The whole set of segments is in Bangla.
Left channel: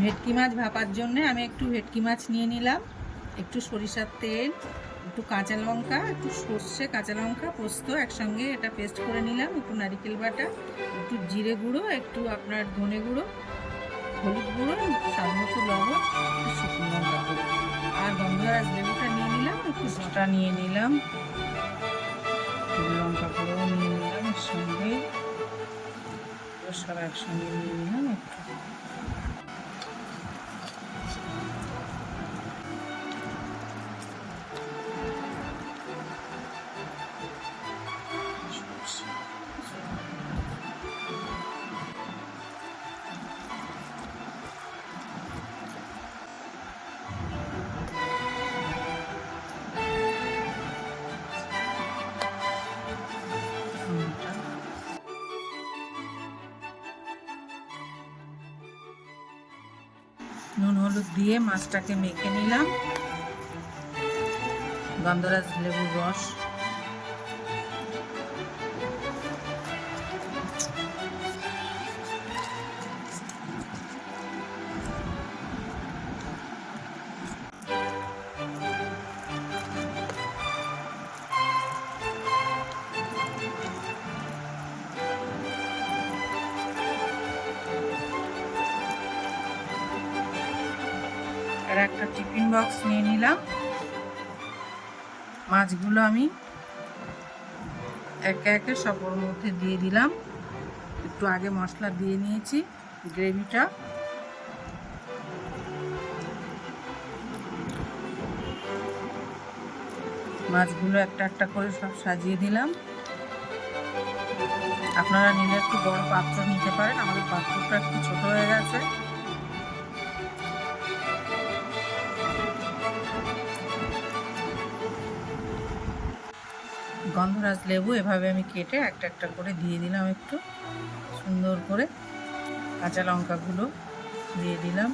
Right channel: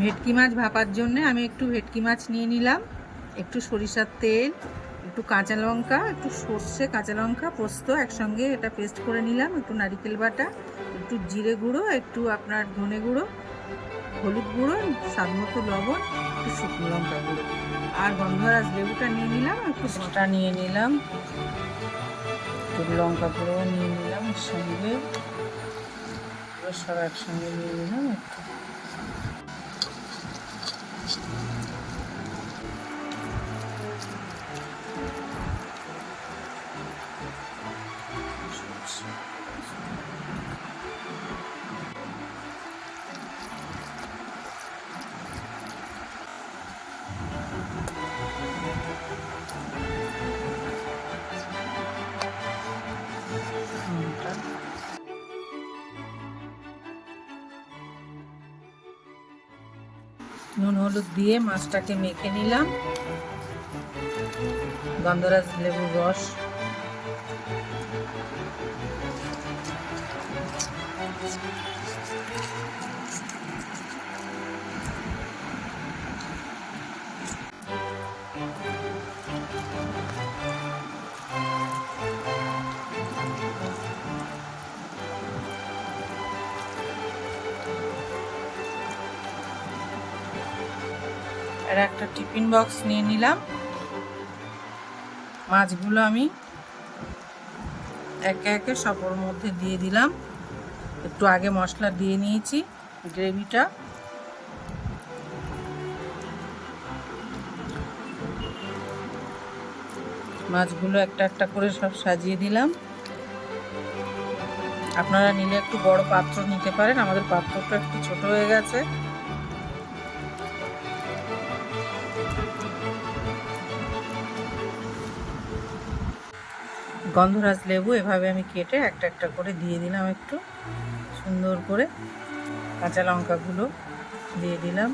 ভেটকি মাছ ভাপার জন্য আমি একটু ভেটকি মাছ নিয়ে নিলাম, একটু সরিষার তেল, একটু কাঁচা লঙ্কা, একটু সর্ষে, কাঁচা লঙ্কা, পোস্ত একসঙ্গে এটা পেস্ট করে নিলাম, একটু নারকেল বাটা, একটু জিরে গুঁড়ো, একটু আপনার ধনে গুঁড়ো, হলুদ গুঁড়ো, স্বাদ মতো লবণ, একটু শুকনো লঙ্কা গুঁড়ো, আর গন্ধরাজ লেবুটা নিয়ে নিলাম, একটু সেটা নিয়ে নিলাম, একটু লঙ্কা গুঁড়ো নিয়ে নিলাম, সঙ্গে সব একসঙ্গে নিয়ে নিলাম একটু। নুন হলুদ দিয়ে মাছটাকে মেখে নিলাম, গন্ধরাজ লেবুর রস, এর একটা টিফিন বক্স নিয়ে নিলাম। মাছগুলো আমি একে একে সবার মধ্যে দিয়ে দিলাম, একটু আগে মশলা দিয়ে নিয়েছি গ্রেভিটা। মাছগুলো একটা একটা করে সব সাজিয়ে দিলাম। আপনারা নিলে একটু বড় পাত্র নিতে পারেন, আমাদের পাত্রটা একটু ছোট হয়ে গেছে। গন্ধরাজ লেবু এভাবে আমি কেটে একটা একটা করে দিয়ে দিলাম, একটু সুন্দর করে কাঁচা লঙ্কাগুলো দিয়ে দিলাম।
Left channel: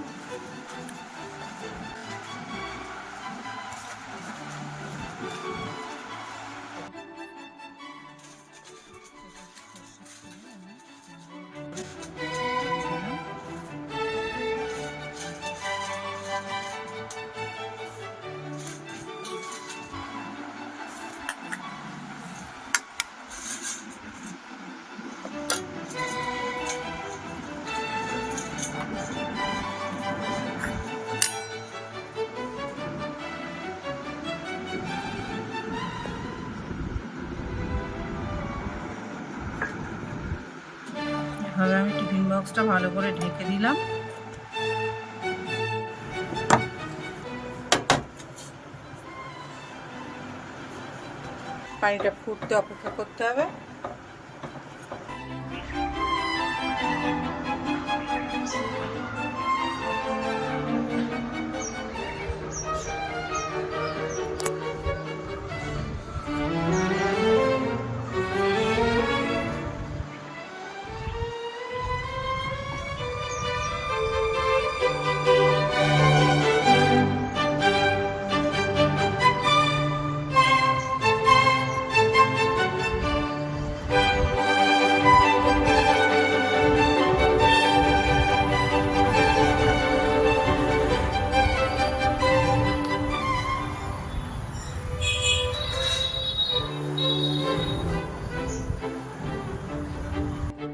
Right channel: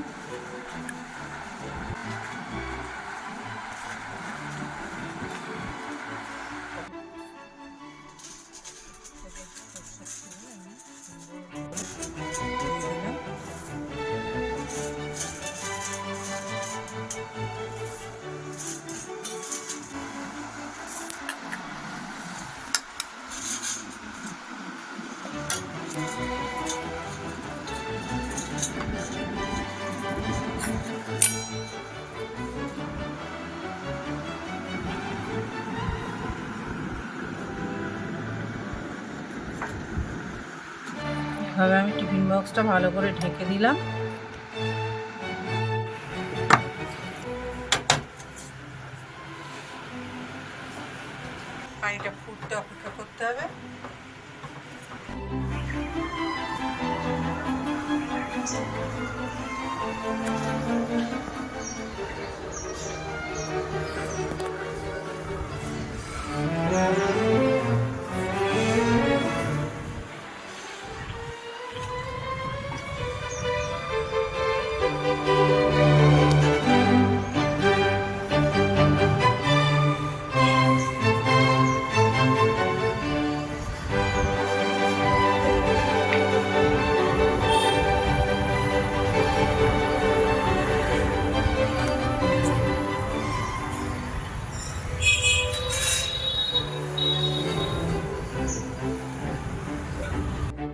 এভাবে আমি টিফিন বক্সটা ভালো করে ঢেকে দিলাম। পানিটা ফুটতে অপেক্ষা করতে হবে।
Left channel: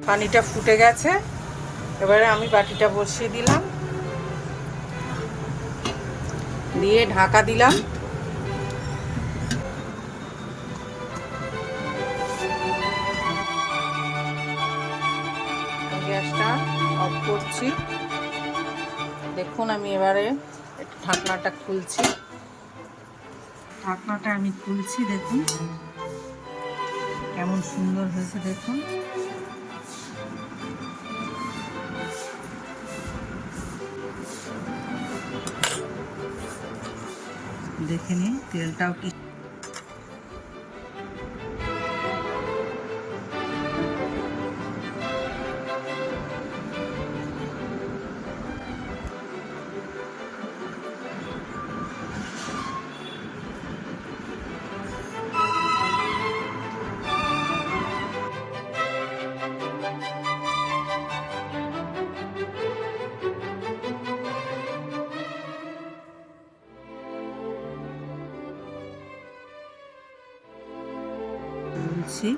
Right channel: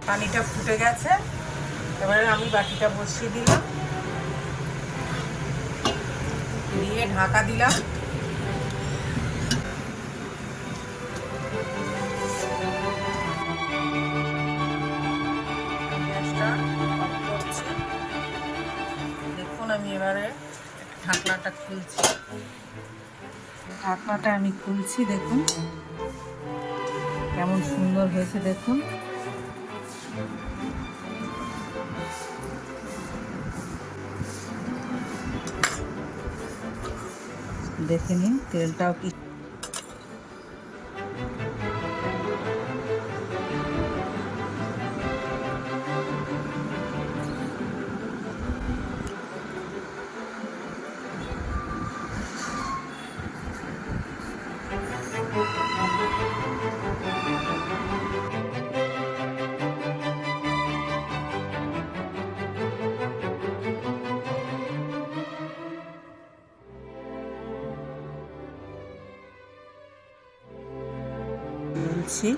পানিটা ফুটে গেছে, এবারে আমি বাটিটা বসিয়ে দিলাম, দিয়ে ঢাকা দিলাম। গ্যাসটা অফ করছি। দেখুন আমি এবারে ঢাকনাটা খুলছি, দেখুন কেমন সুন্দর হয়েছে, দেখুন। দেখে নিন তেলটাও কি বলছি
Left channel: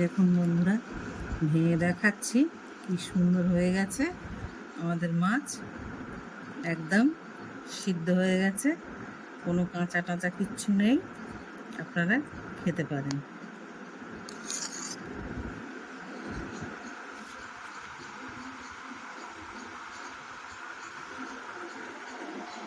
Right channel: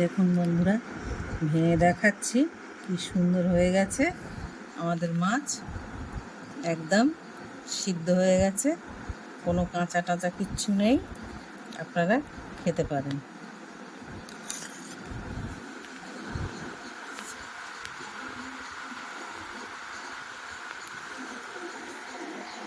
দেখুন বন্ধুরা, ভেঙে দেখাচ্ছি কি সুন্দর হয়ে গেছে আমাদের মাছ। একদম সিদ্ধ হয়ে গেছে, কোনো কাঁচা টাচা কিচ্ছু নেই। আপনারা খেতে পারেন।